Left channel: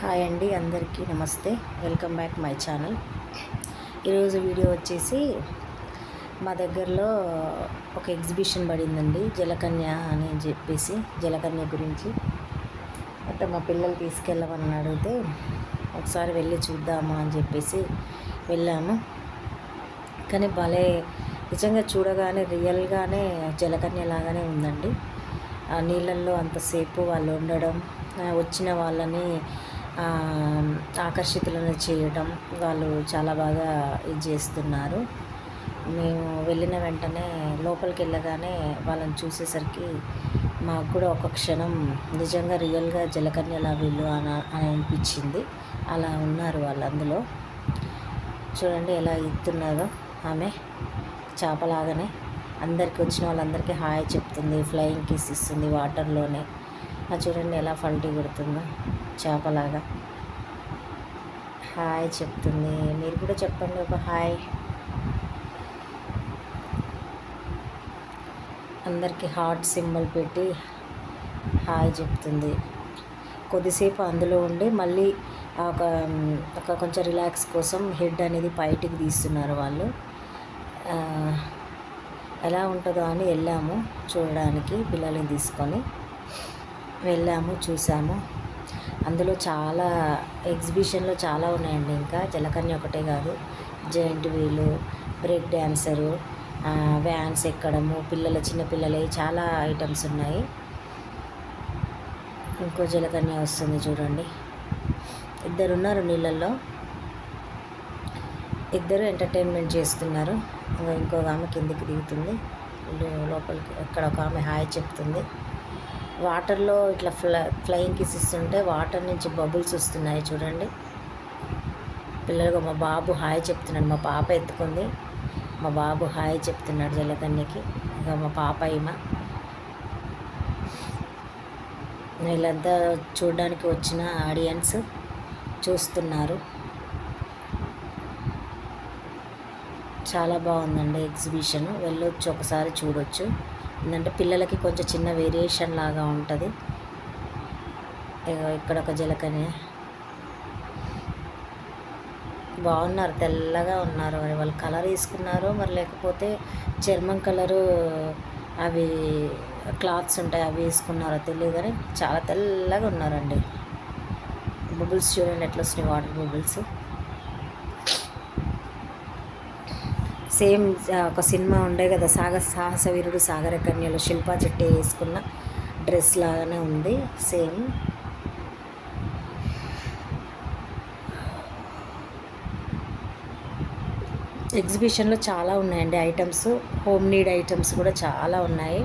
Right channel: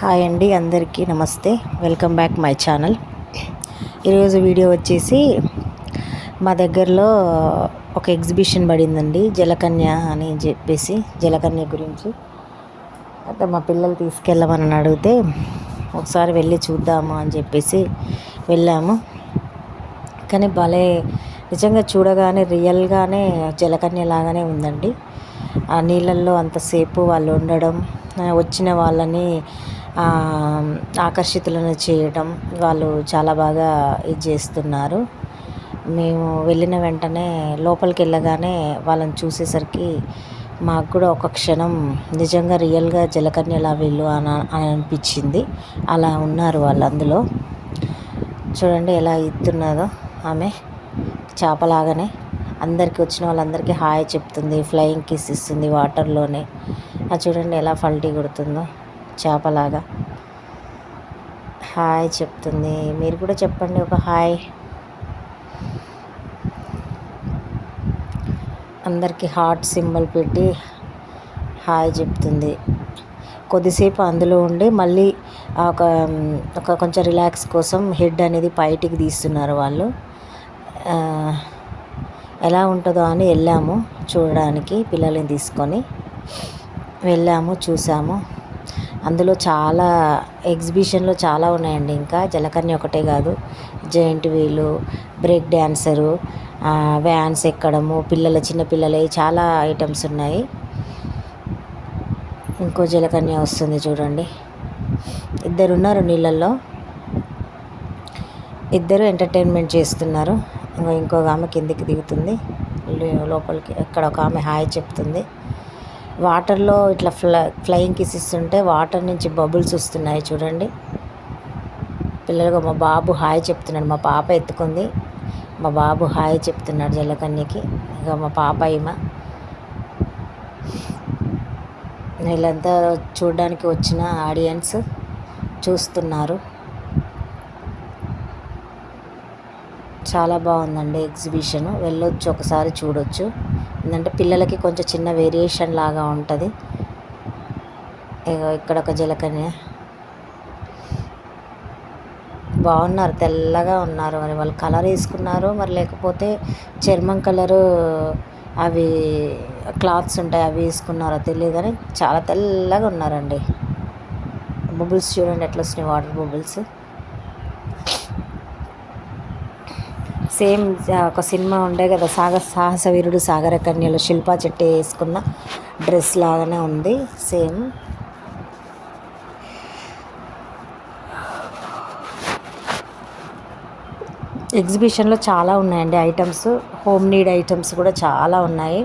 Hi అండి, అందరికీ నమస్తే. Welcome back my channel. ఈరోజు వీడియో వచ్చేసి మా దగ్గరలో ఒక ఎగ్జిబిషన్ పడిందండి, జలకన్య అని చెప్పేసి. జలకన్య గురించి అయితే మా పిల్లలు తీసుకెళ్ళమని అడిగితే ఒకసారి వెళ్ళి చూద్దాము అని చెప్పేసి వెళ్ళాము. కానీ భలే నిజంగా చూడగానే రియల్గానే జలకన్య లాగానే ఉందండి. ఆ నీళ్ళల్లో అంతసేపు వాళ్ళు ఉండడం, వచ్చిన వాళ్ళని ఆకర్షితులను చేయడం, వాళ్ళు చాలా బాగా ఇది చేస్తున్నారు. మేము వెళ్ళిన వెంటనే లోపలికి వెళ్ళగానే వాళ్ళని చూసేసరికి మాకు కూడా ఒక క్షణం నిజంగా రియల్గా జలకన్యలా వీళ్ళు అని అనిపించింది. అలా ఉన్నారు వాళ్ళు అందులో. చూడండి ఎలా ఇస్తున్నారో. ఆమె చేపలాగానే అందరికీ, వచ్చిన వాళ్ళందరికీ హాయ్ చెప్తుంది, ఫ్లయింగ్ కిస్ ఇస్తుంది వాటర్లోనే. అది చూడండి ఎలా పల్టీ కొడుతుందో, చేపలాగా హాయ్ చెప్తుంది. మీరు కూడా చెప్పండి ఒక హాయ్. అందరికీ హార్ట్ సింబల్ పెట్టి హాయ్ చెప్తుంది. కొద్దిసేపు అందులో ఉండి మళ్ళీ ఒక కొంచెం రిలాక్స్ కోసం హెడ్ అనేది బయటికి తీస్తున్నారు వాళ్ళు. ఎలా ఉంటుందో అని వెళ్ళాము చూడడానికి, పిల్లల్ని తీసుకొని వెళ్ళాము, చూసాము. అందులో చాలా ఎగ్జిబిషన్లో చాలా ఉన్నాయండి. ఇంకా జలకన్య ఒకటే కాదు, giant wheel, break dancer, vans ఎక్కడము, చిన్నపిల్లలవి చాలా ఐటమ్స్ ఉన్నాయి. ఇంకో జలకన్య వస్తుంది చూడండి. ఇద్దరు ఉన్నారు నీళ్ళల్లో, ఇద్దరు ఎంటర్టైన్మెంట్ చేస్తున్నారు. ఇంకొక ఆమె కిందికి దిగుతుంది, లోపలికి ఎక్కడ ఒక ఆమె హాయ్ చెప్తుంది. వాటర్లో ఇట్లా ఫ్లయింగ్ కిస్ ఇస్తుంటే వాటర్ నుంచి బబుల్స్ వస్తున్నాయి చూడండి. పిల్లలుగా మా బాబు హాయ్ చెప్తున్నాడు. మా పాప ఎత్తుకుంది, మా బాబు హాయ్ చెప్తున్నాడు జలకన్యకి. ఇక మా పాప ఈమె. వీళ్ళంతా చూడడానికి వచ్చిన ఆడియన్స్ చూస్తున్నారు. చాలా బాగుందండి ఎగ్జిబిషన్. వెళ్ళొచ్చు, ఒకసారి చూడొచ్చు. ఎందుకంటే పిల్లలకి కొంచెం చిన్న వేరియేషన్ లాగా ఉంటుంది. ఇక్కడ ఒక జలకన్య బాగున్నారు, తెల్లగా ఉన్నారు. మరి వాళ్ళు కలర్ వేసుకున్నారు, మరి లేకపోతే చర్మం కలరు అవి క్లాత్స్ ఉంటాయి అవి వేసుకున్నారో తెలియదు, కానీ చాలా తెల్లగా ఉన్నారండి. బబుల్స్ చూడండి ఎట్లా వస్తున్నాయి, వాటర్ బబుల్స్. సేమ్ ఒక సినిమా ఉండే కదా, సాహస వీరుడు సాగర కన్యలో శిల్పా చెట్టి వేసుకున్న డ్రెస్ లాగానే ఉంది సేమ్. ఎగ్జిబిషన్లో చాలా ఉన్నాయండి ఐటమ్స్, హోమ్ నీడ్ ఐటమ్స్ కూడా చాలా ఉన్నాయి.